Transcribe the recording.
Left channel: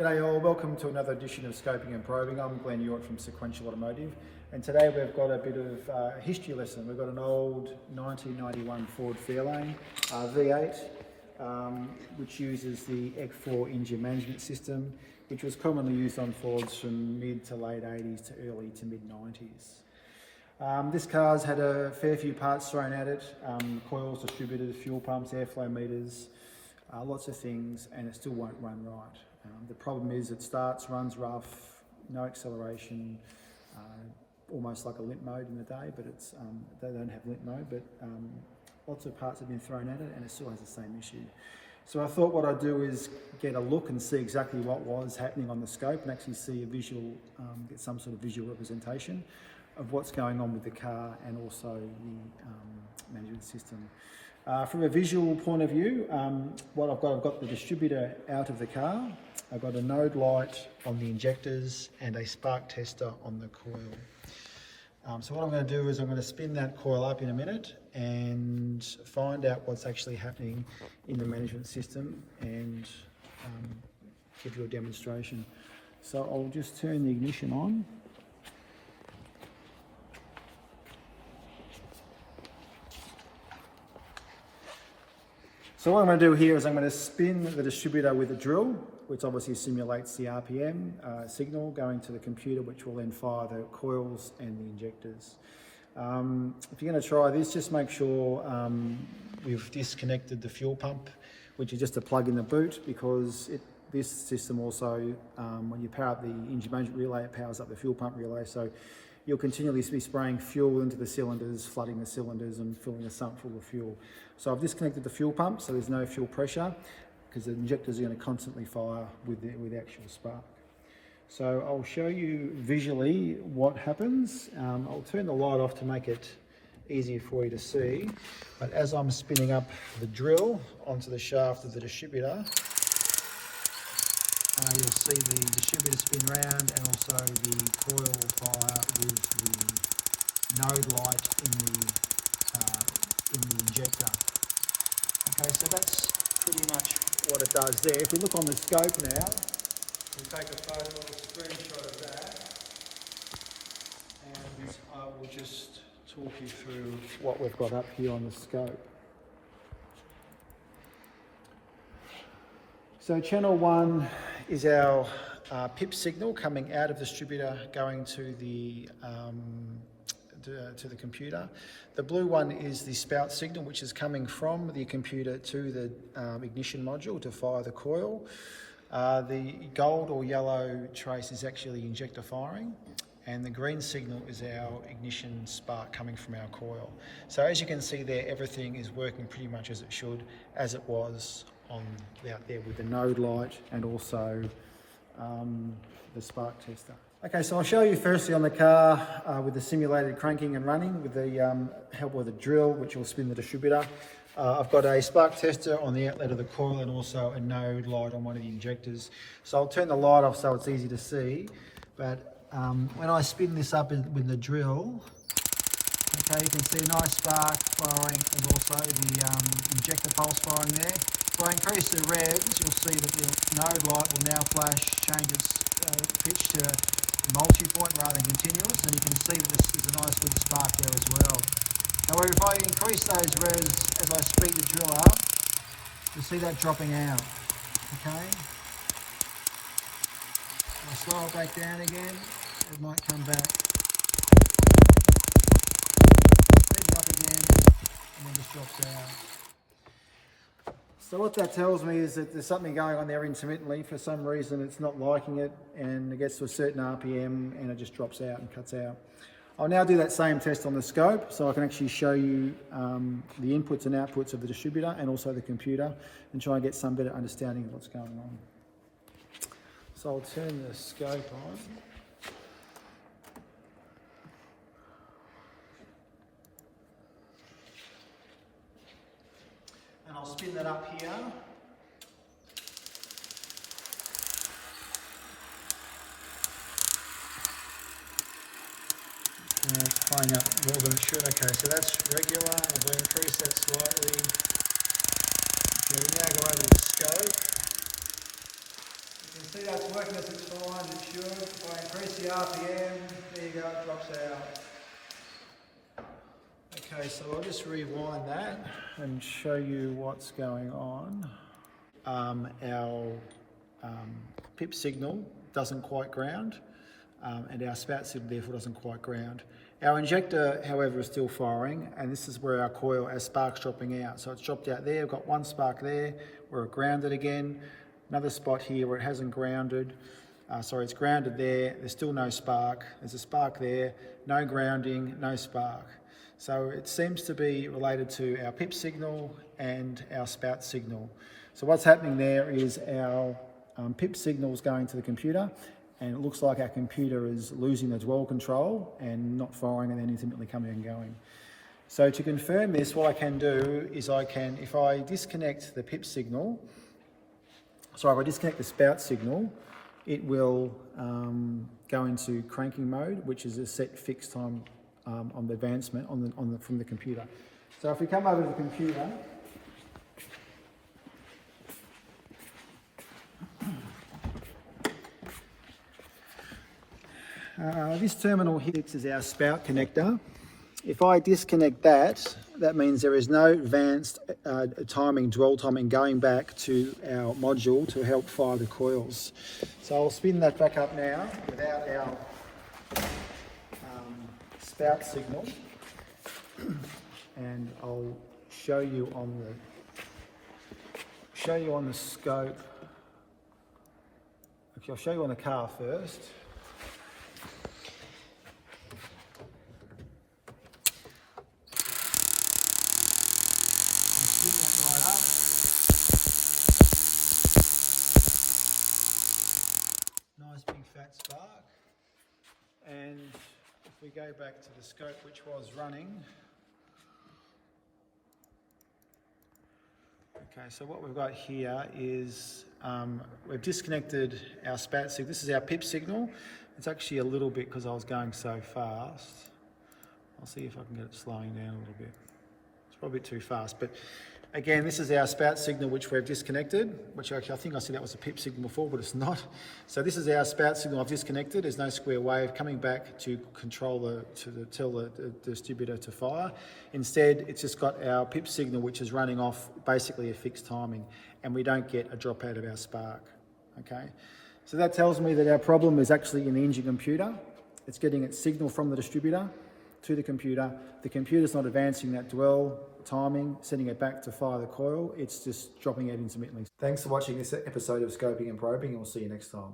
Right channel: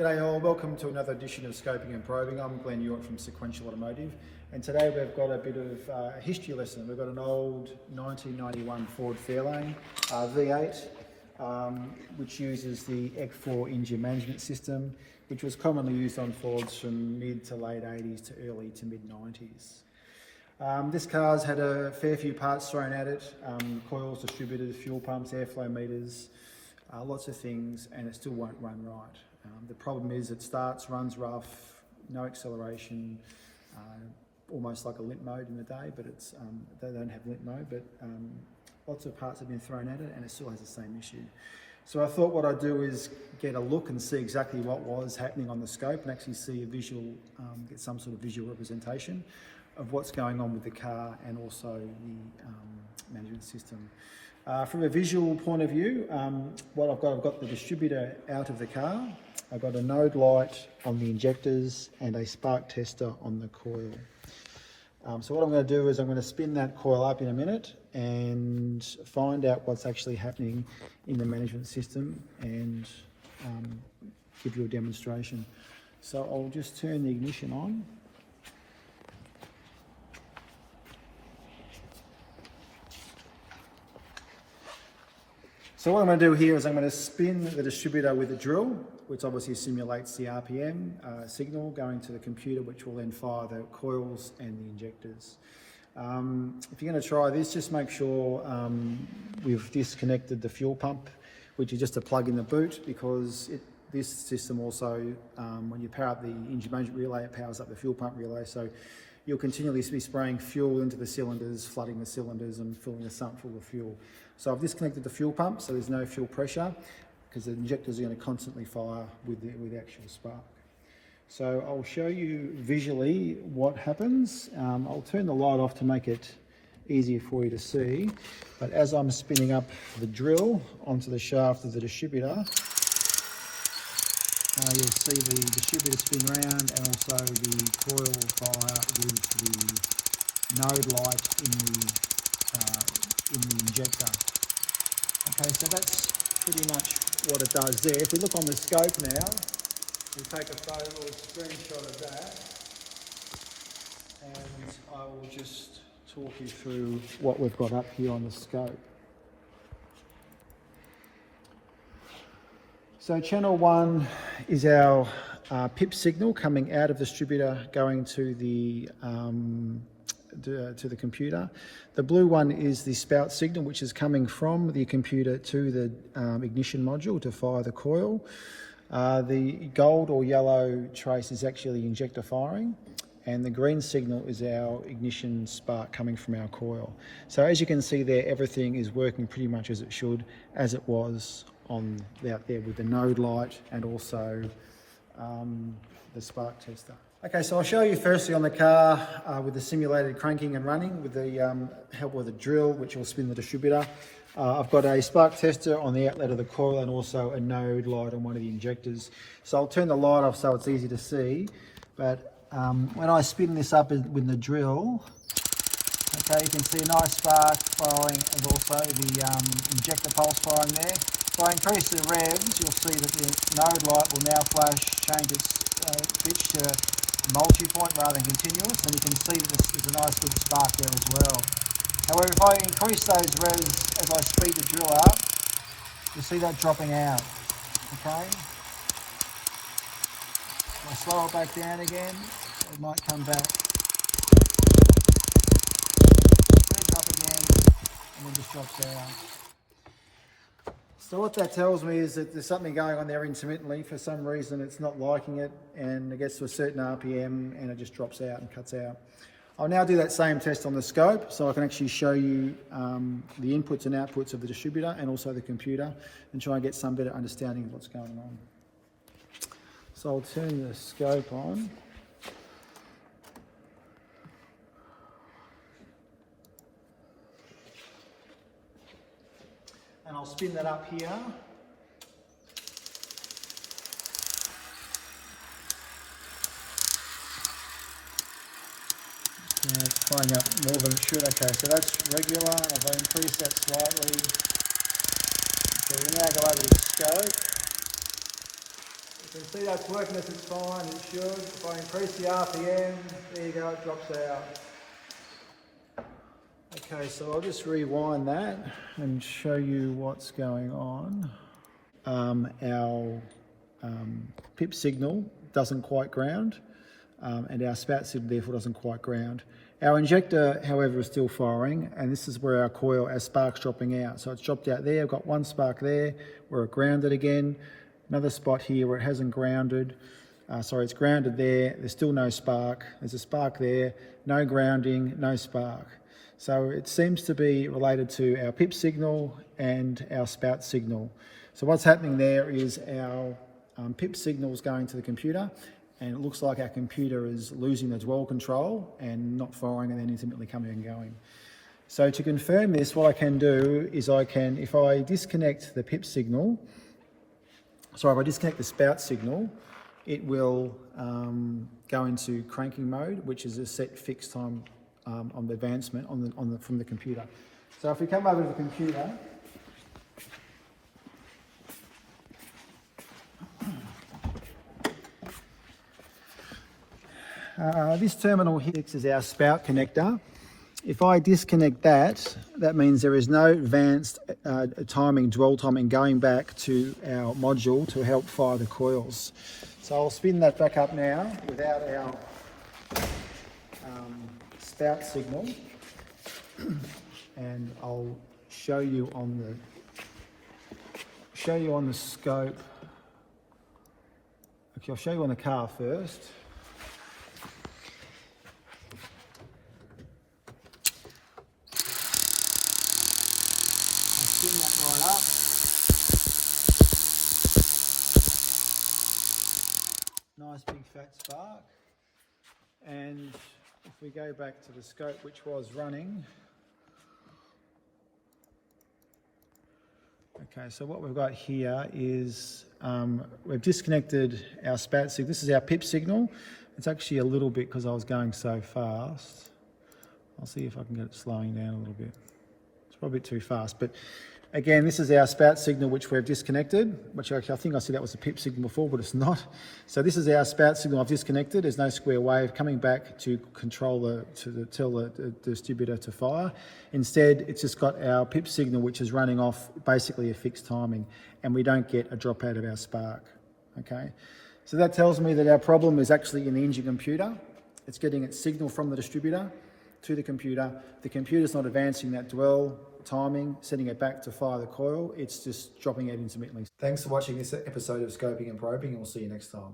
G'day all, welcome to another edition of Scoping and Probing. I'm Glenn York from Sequential Automotive, and today we've got a bit of a history lesson. We've got an old 1991 Ford Fairlane V8 which uses the EC4 engine management system, which was commonly used on Fords from mid to late 80s to early to mid 90s. This car's had a fair few parts thrown at it, coils, distributors, fuel pumps, airflow meters, lots of things, and it still won't run right. The problem is it starts, runs rough, no acceleration, almost like a limp mode in the day, but it's they don't have limp mode, but lots of parts have been thrown at it and it still has the same issue. So I thought what I'd do is get a look and see exactly what was happening on the scope and actually see a visual, get some sort of visual representation of what's going on with the car and also the management system. From a visual point of view, what I've got the distributor out of the car. I've got a node light on the injectors and a spark tester on the coil. So what I'm going to do is I'm going to spin that coil up in a minute and find out what's actually happening in the management system and give you a demonstration. So I'll just turn the ignition on. So what I'm going to do here is I'm going to spin the distributor with a drill, which obviously simulates the RPM signal going to the computer, which will then fire the coils and the injectors. If you're going to try this, just make sure we've disconnected the fuel pump, which is just a plug in the boot, because this system also, when you power up the engine management relay, it powers up the fuel pump relay. So you'll continually be spraying fuel into the cylinders, flooding the cylinders and filling the sump full of fuel. So I've disconnected the fuel pump, so there's no fuel pressure, because the injectors are going to constantly fire with the actual spark. So I'll show you visually what happens. I'll turn the light off to make it easier for you to see. But as I'm spinning up the drill onto the shaft of the distributor, you'll see the distributor spin round and also the coil fire with the node light in the injector. Okay, so that's pretty much what it does there. If we look on the scope now, we'll take a photo or a screenshot of that, and I will just talk you through what we've got up here on the scope. So channel 1 is our PIP signal coming out of the distributor going to the computer. The blue one is the spout signal, which is coming from the computer to the ignition module to fire the coil. The gold or yellow trace is actually injector firing, and the green signal is our ignition spark coming from our coil. So as you can see there, everything is working pretty much as it should, as it was out there with the node light and also the spark tester. Okay, so I'll show you firstly on the car with the simulated cranking and running with the help of the drill, which will spin the distributor. I've got a spark tester on the outlet of the coil and also a node light on one of the injectors. So I'll turn the light off so it's easy to see. But when I spin this up with the drill, okay, you can see a nice spark firing and also the injector pulse firing there. If I increase the revs, you'll see that the node light will now flash, change its pitch to multi-point rather than continuous, and you can see there's a nice little spark there as well. However, if I increase those revs as I speed the drill up, you'll see that dropping out, okay? If I slow it back down again, it might come back. Speed up again, and then just drops out. So what that tells me is that there's something going on there intermittently. For some reason it's not liking it and it gets to a certain RPM and it just drops out and cuts out. I'll now do that same test on the scope so I can actually show you the inputs and outputs of the distributor and also the computer and try and get some better understanding of what's going on. So I'll turn the scope on. And I'll spin that up here. It's playing up more than it should. Okay, so that's regular. If I increase that slightly, okay, we now go over to the scope. You can see that's working as it's fine, it should. If I increase the RPM, there you go, it drops out. Okay, so I'll just rewind that and show you what's going on. Our pip signal doesn't quite ground, and our spout signal therefore doesn't quite ground. Our injector, however, is still firing, and this is where our spark's dropping out. So it's dropped out there, I've got one spark there, where it grounded again, another spot here where it hasn't grounded. It's grounded there, there's still no spark, there's a spark there, no grounding, no spark. So it seems to be related to our pip signal and our spout signal. So what's happening there is our pip signal is going to the computer, and it looks like our computer is losing the dwell control and not firing and then intermittently coming and going. So to confirm this, what I can do is if I disconnect the pip signal, if I disconnect the spout signal, it will go into cranking mode, which is a set fixed time on the advancement from the computer. So if we come over to the computer, this terminal here is our spout connector. If I disconnect that, that means there is no advanced dwell timing going back to our module to help fire the coils. So I'll spin that back up now without our spout signal, and I'll show you on the scope. Okay, I'll show you on the car first. Spin that right up. Nice big fat spark. And if we go back to the scope which was running, okay, so what we've got here is we've disconnected our spout signal. This is our pip signal. It's actually a little bit because I was going so fast. I'll see if I can get it slowing down a little bit. It's probably a bit too fast, but again, this is our spout signal which we've disconnected, which actually I think I said that was a pip signal before, but it's not. So this is our spout signal I've disconnected. There's no square wave coming back to control tell the distributor to fire. Instead, it's just got our pip signal which is running off basically a fixed timing, and we don't get a drop out of our spark. Okay, so that tells me that our problem is actually in the engine computer. It's getting its signal from the distributor to the computer. The computer's not advancing that dwell timing, setting it back to fire the coil. It's just dropping out intermittently. Thanks for watching this episode of Scoping and Probing, and we'll see you next time.